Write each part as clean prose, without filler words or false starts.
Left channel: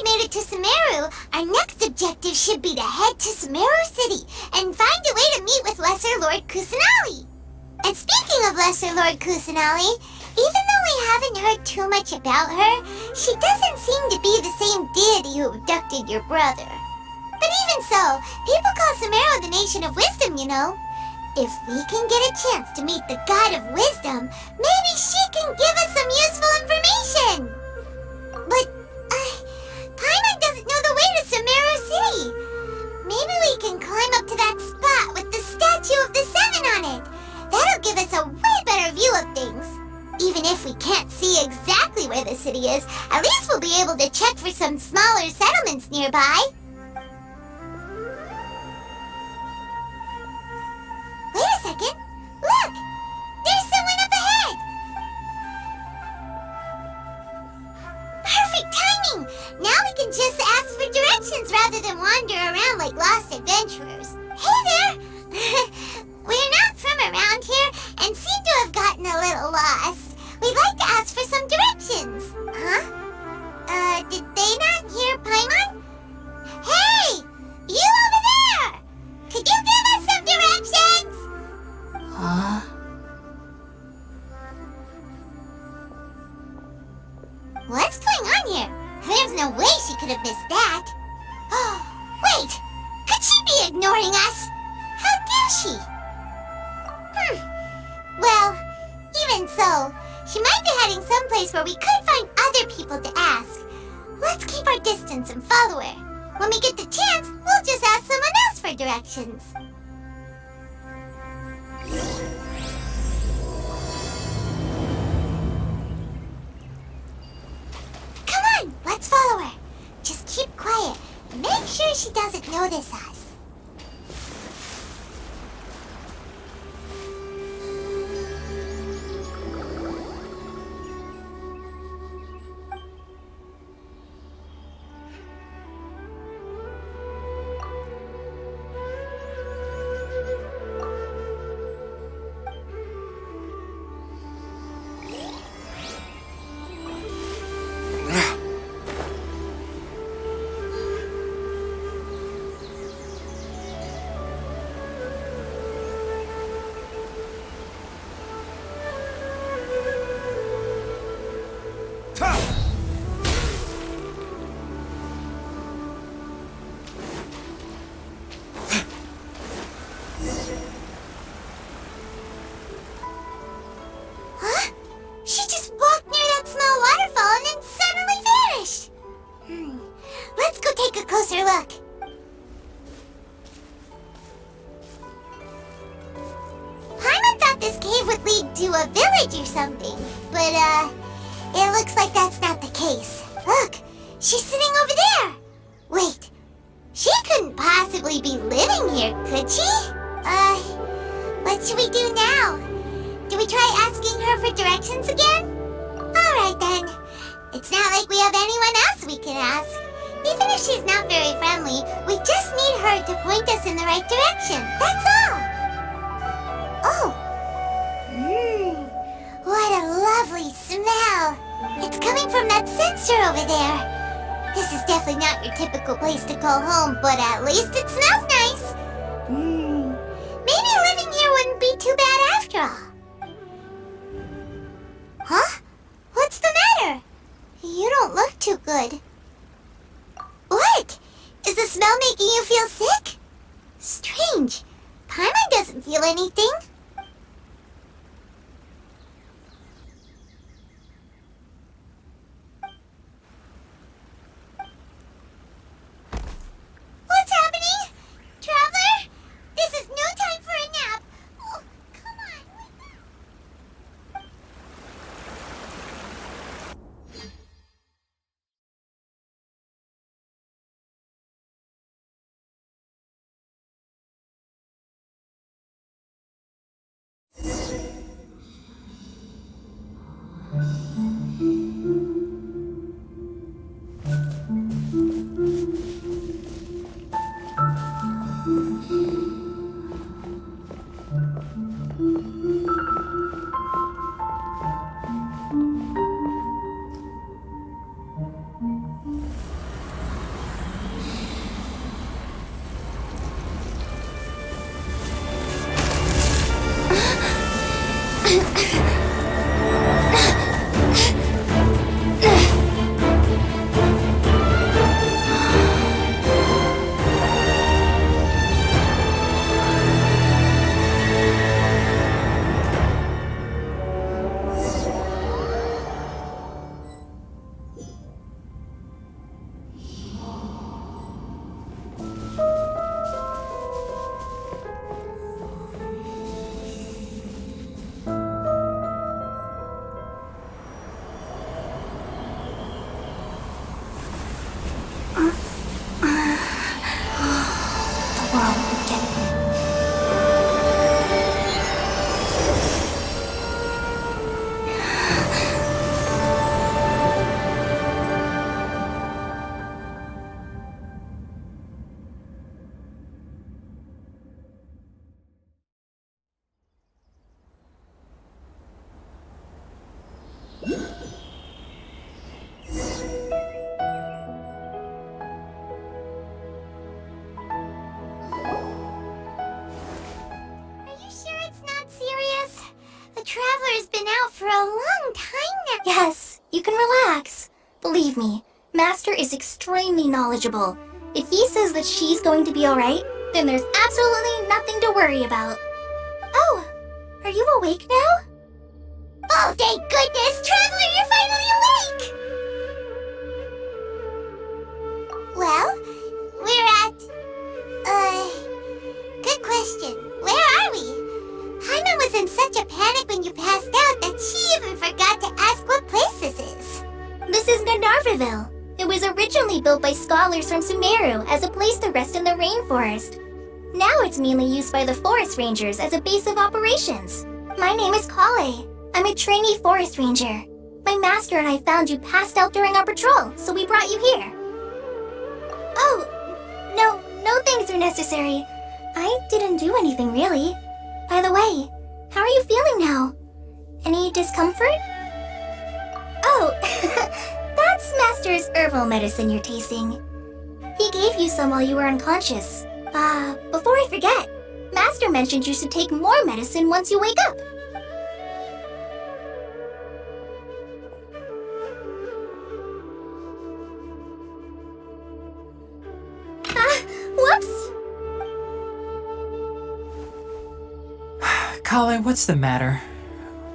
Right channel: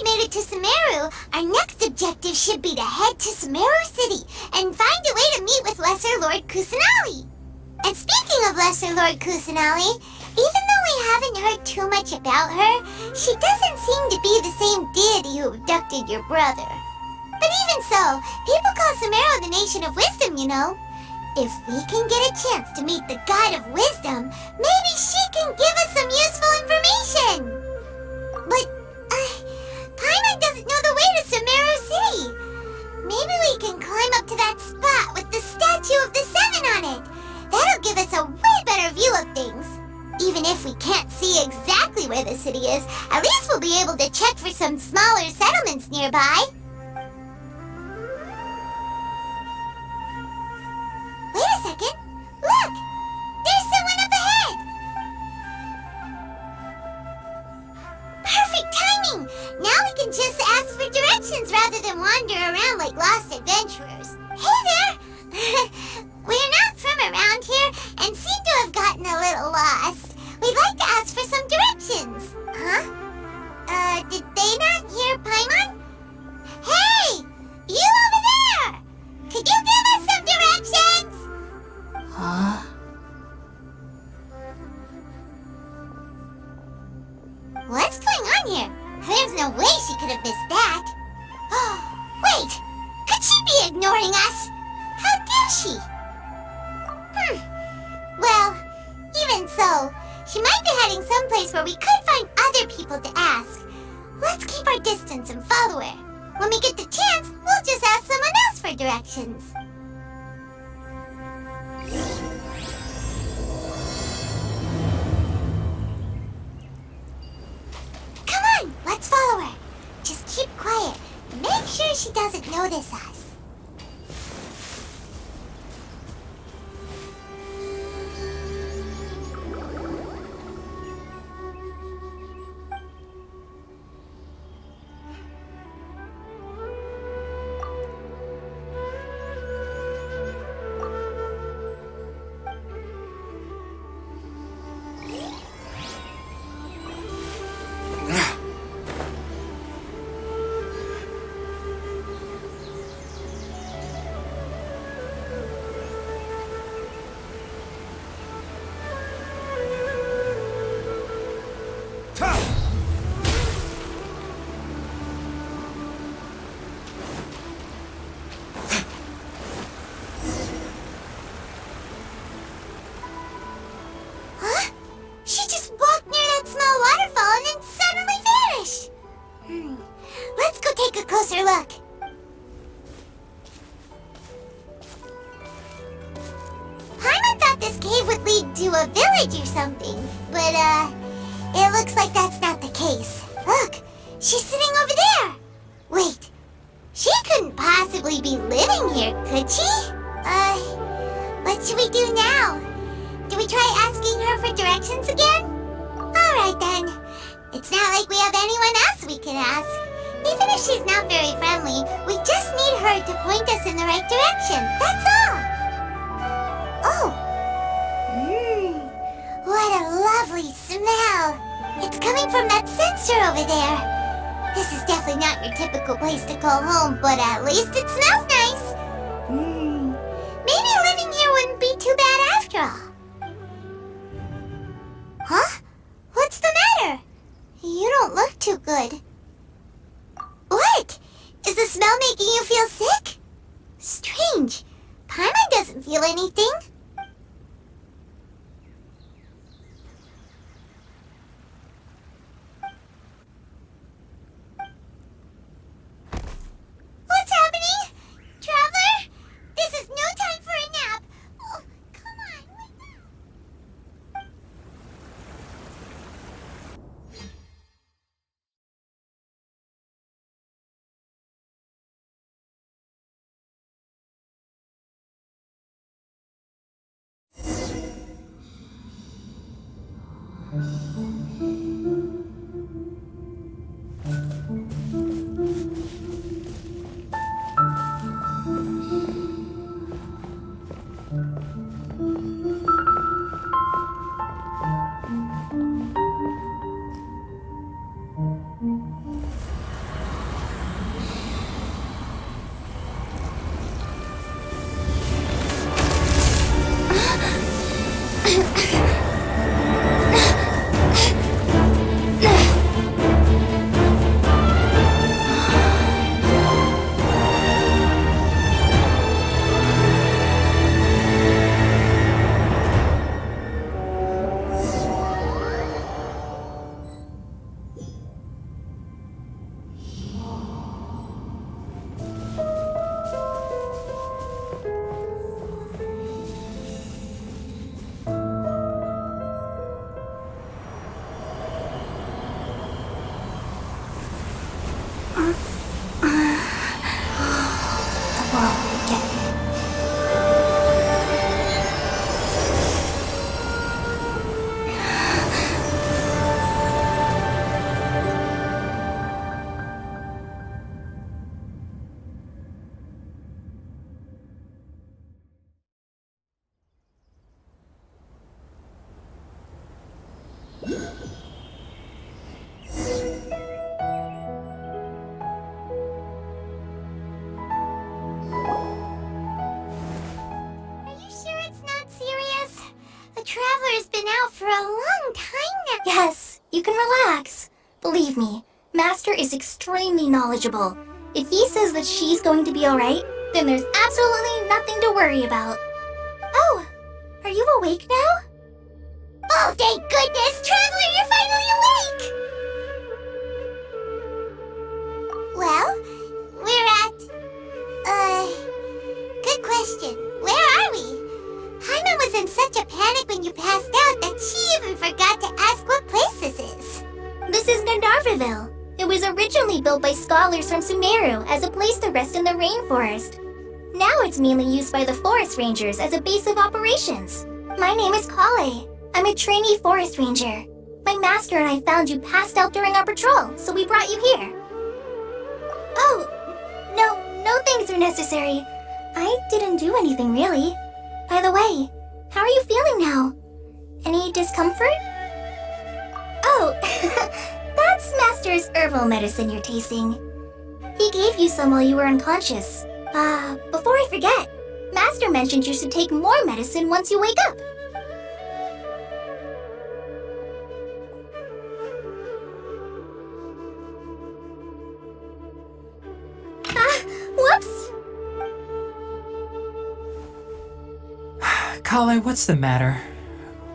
we made it to Sumeru, our next objective should be to head to Sumeru City and find a way to meet with Lesser Lord Kusanali. And speaking of Lesser Lord Kusanali, even though we haven't heard too much about her, she doesn't seem to be the same deity who abducted your brother. But even so, people call Sumeru the Nation of Wisdom, you know. If we can get a chance to meet the God of Wisdom, maybe she can give us some useful information. But, Paimon doesn't know the way to Sumeru City. Maybe we can climb up to that spot with the statue of the Seven on it. That'll give us a way better view of things. Even if we can't see exactly where the city is, at least we'll be able to check for some smaller settlements nearby. Wait a second. Look! There's someone up ahead! Perfect timing! Now we can just ask for directions rather than wander around like lost adventurers. Hey there! We're not from around here and seem to have gotten a little lost. We'd like to ask for some directions. Huh? Did they not hear Paimon? Hey! You over there! Could you give us some directions? Huh? What's going on here? There's no way she could have missed that. Wait! Could she be ignoring us? How dare she? Well, even so, she might be heading someplace where we could find other people to ask. Let's keep our distance and follow her. When we get the chance, we'll just ask someone else for directions. Come on, let's follow her. Just keep quiet. Make sure she doesn't notice us. To a village or something, but it looks like that's not the case. Look, she's sitting over there. Wait, she couldn't possibly be living here, could she? What should we do now? Do we try asking her for directions again? Alright then. It's not like we have anyone else we can ask. Even if she's not very friendly, we just need her to point us in the right direction. That's all. Oh. What a lovely smell! It's coming from that sensor over there. This is definitely not your typical place to call home, but at least it smells nice. Maybe living here wouldn't be too bad after all. Huh? What's the matter? You don't look too good. What? Is the smell making you feel sick? Strange. Paimon doesn't feel anything. Are you sure it's not serious? The Traveler's been out for a long time now. Yes, you can relax. Believe me, Master is extremely knowledgeable. If he says that she's going to be alright, then there's absolutely nothing to worry about. Oh, are you awake now? Oh, thank goodness! Traveler, you're finally awake! Well, we're at... good question. Where are we? Paimon was in such a panic when you passed out that she even forgot to ask what place this is. This is Gandharvaville. It was originally built by scholars from Sumeru as a place to rest in the rainforest. Now it's mainly used by the forest rangers as a base of operations. My name is Collei. I'm a trainee forest ranger. My master and I found you passed out during our patrol, so we brought you here. Oh, no things are necessary. I didn't do anything really. By the way, how are you feeling now? Any discomfort? Oh, that's Master's herbal medicine you're tasting. He gave you some while you were unconscious. Before I forget, Master mentioned you should take more medicine once you wake up. Whoops! Collei, what's the matter?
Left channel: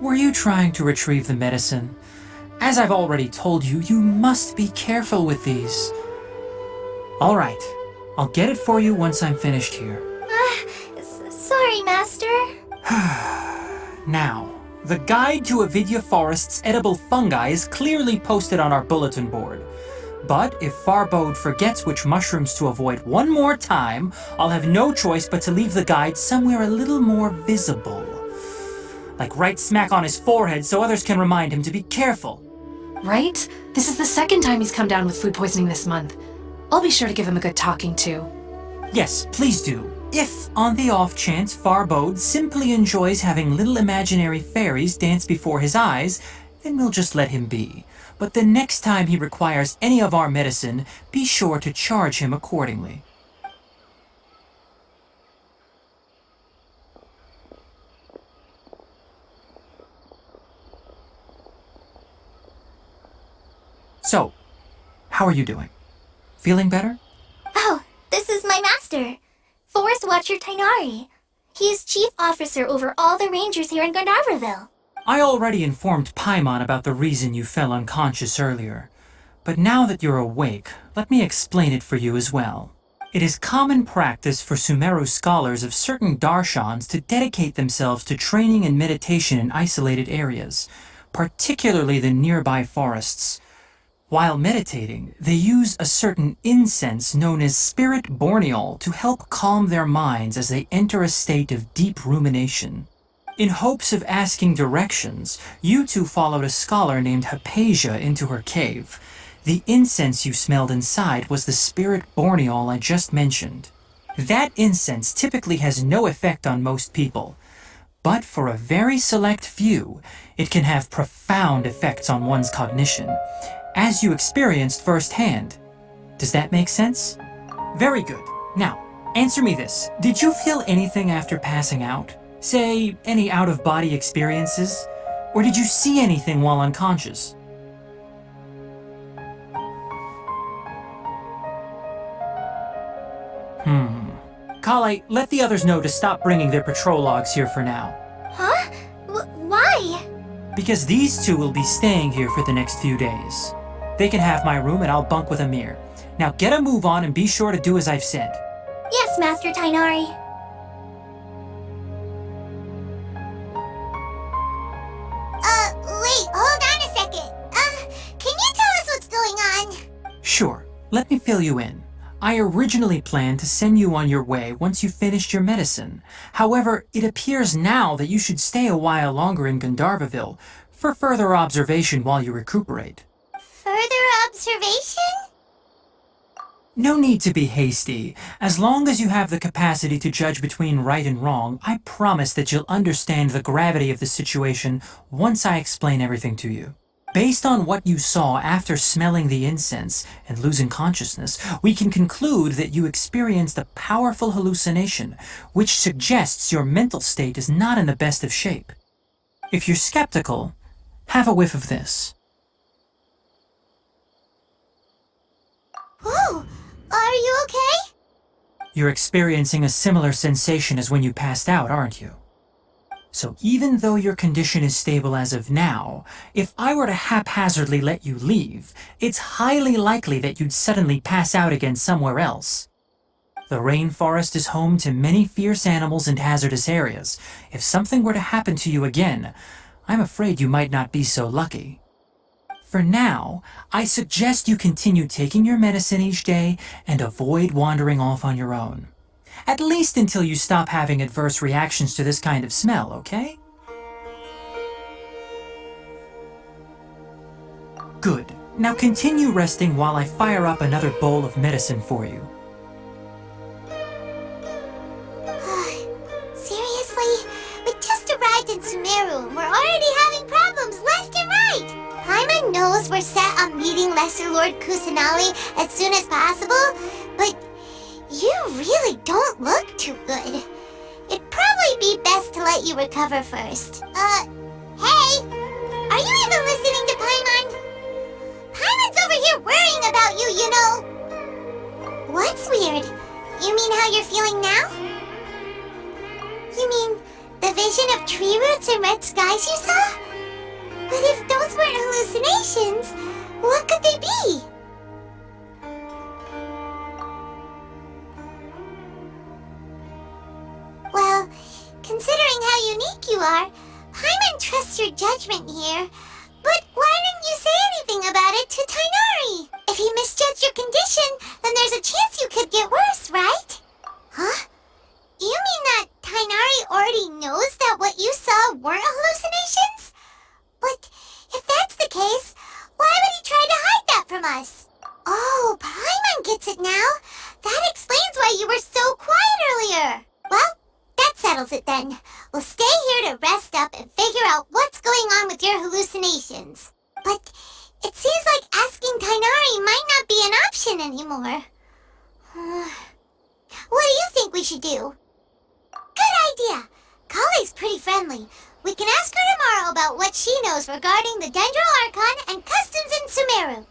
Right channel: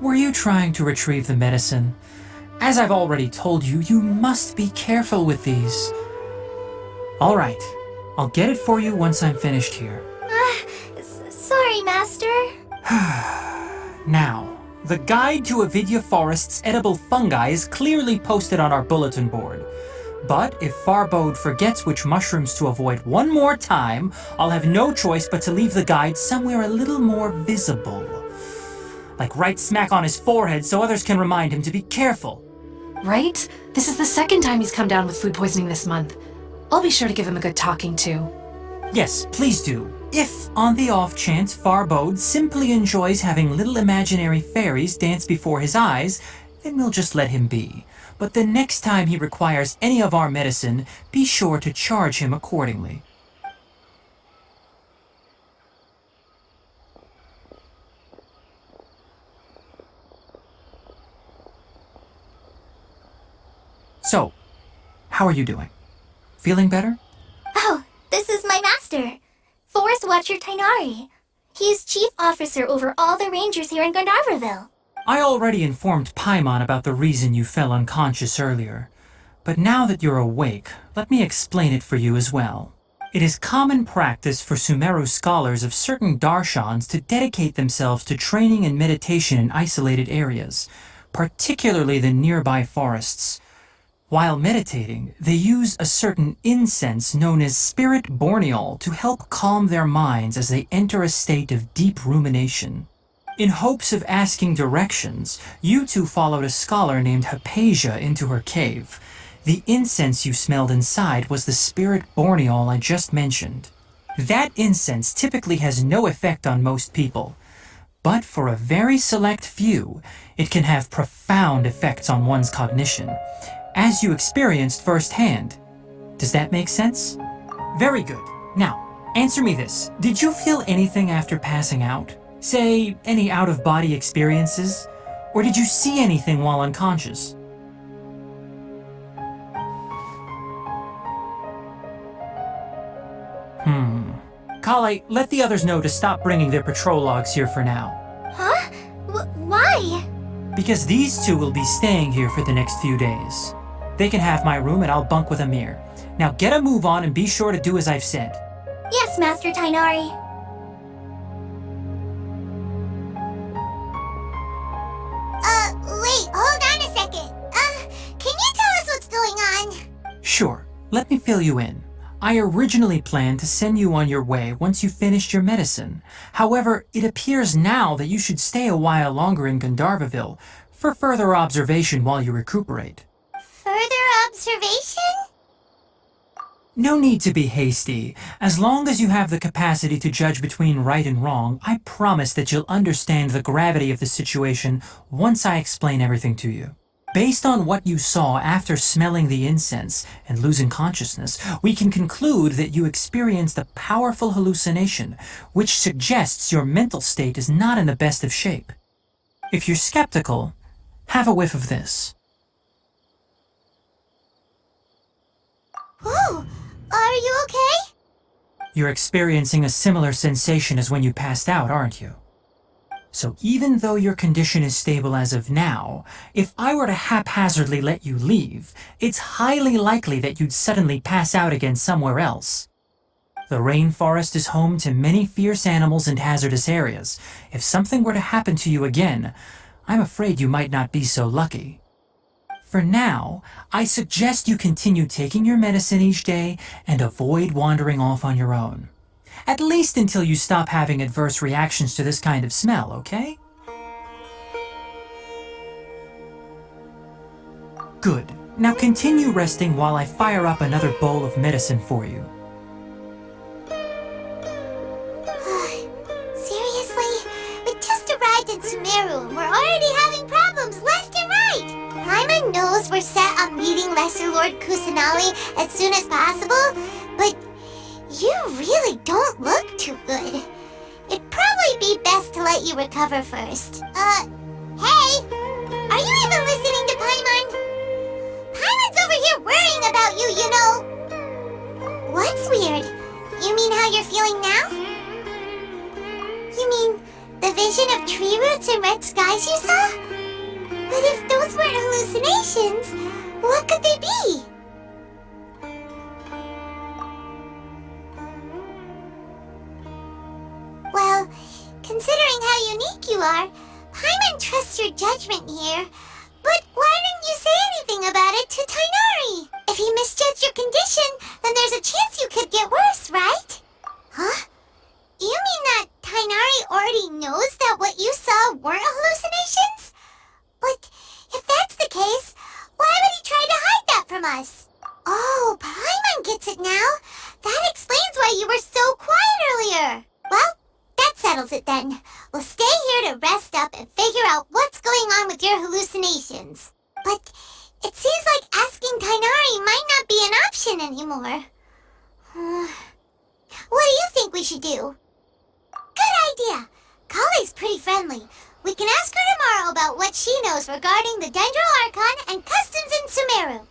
Were you trying to retrieve the medicine? As I've already told you, you must be careful with these. All right, I'll get it for you once I'm finished here. Sorry, Master. Now, the guide to Avidya Forest's edible fungi is clearly posted on our bulletin board. But if Farbode forgets which mushrooms to avoid one more time, I'll have no choice but to leave the guide somewhere a little more visible. Like right smack on his forehead so others can remind him to be careful. Right? This is the second time he's come down with food poisoning this month. I'll be sure to give him a good talking to. Yes, please do. If, on the off chance, Farbode simply enjoys having little imaginary fairies dance before his eyes, then we'll just let him be. But the next time he requires any of our medicine, be sure to charge him accordingly. So, how are you doing? Feeling better? Oh, this is my master, Forest Watcher Tighnari. He is chief officer over all the rangers here in Gandharvaville. I already informed Paimon about the reason you fell unconscious earlier. But now that you're awake, let me explain it for you as well. It is common practice for Sumeru scholars of certain darshans to dedicate themselves to training and meditation in isolated areas, particularly the nearby forests. While meditating, they use a certain incense known as spirit borneol to help calm their minds as they enter a state of deep rumination. In hopes of asking directions, you two followed a scholar named Hypatia into her cave. The incense you smelled inside was the spirit borneol I just mentioned. That incense typically has no effect on most people, but for a very select few, it can have profound effects on one's cognition, as you experienced firsthand. Does that make sense? Very good. Now, answer me this. Did you feel anything after passing out? Say, any out-of-body experiences? Or did you see anything while unconscious? Collei, let the others know to stop bringing their patrol logs here for now. Huh? Why? Because these two will be staying here for the next few days. They can have my room and I'll bunk with Amir. Now get a move on and be sure to do as I've said. Yes, Master Tighnari. Wait, hold on a second. Can you tell us what's going on? Sure, let me fill you in. I originally planned to send you on your way once you finished your medicine. However, it appears now that you should stay a while longer in Gandharvaville for further observation while you recuperate. Further observation? No need to be hasty. As long as you have the capacity to judge between right and wrong, I promise that you'll understand the gravity of the situation once I explain everything to you. Based on what you saw after smelling the incense and losing consciousness, we can conclude that you experienced a powerful hallucination, which suggests your mental state is not in the best of shape. If you're skeptical, have a whiff of this. Whoa! Are you okay? You're experiencing a similar sensation as when you passed out, aren't you? So even though your condition is stable as of now, if I were to haphazardly let you leave, it's highly likely that you'd suddenly pass out again somewhere else. The rainforest is home to many fierce animals and hazardous areas. If something were to happen to you again, I'm afraid you might not be so lucky. For now, I suggest you continue taking your medicine each day and avoid wandering off on your own. At least until you stop having adverse reactions to this kind of smell, okay? Good. Now continue resting while I fire up another bowl of medicine for you. Seriously? We just arrived in Sumeru and we're already having problems left and right! Paimon knows we're set on meeting Lesser Lord Kusanali as soon as possible, but you really don't look too good. It'd probably be best to let you recover first. Hey! Are you even listening to Paimon? Paimon's over here worrying about you, you know! What's weird? You mean how you're feeling now? You mean the vision of tree roots and red skies you saw? But if those weren't hallucinations, what could they be? Well, considering how unique you are, Paimon trusts your judgment here. But why didn't you say anything about it to Tighnari? If he misjudged your condition, then there's a chance you could get worse, right? Huh? You mean that Tighnari already knows that what you saw weren't hallucinations? But if that's the case, why would he try to hide that from us? Oh, Paimon gets it now. That explains why you were so quiet earlier. Well, that settles it then. We'll stay here to rest up and figure out what's going on with your hallucinations. But it seems like asking Tighnari might not be an option anymore. What do you think we should do? Good idea. Collei's pretty friendly. We can ask her tomorrow about what she knows regarding the Dendro Archon and customs in Sumeru.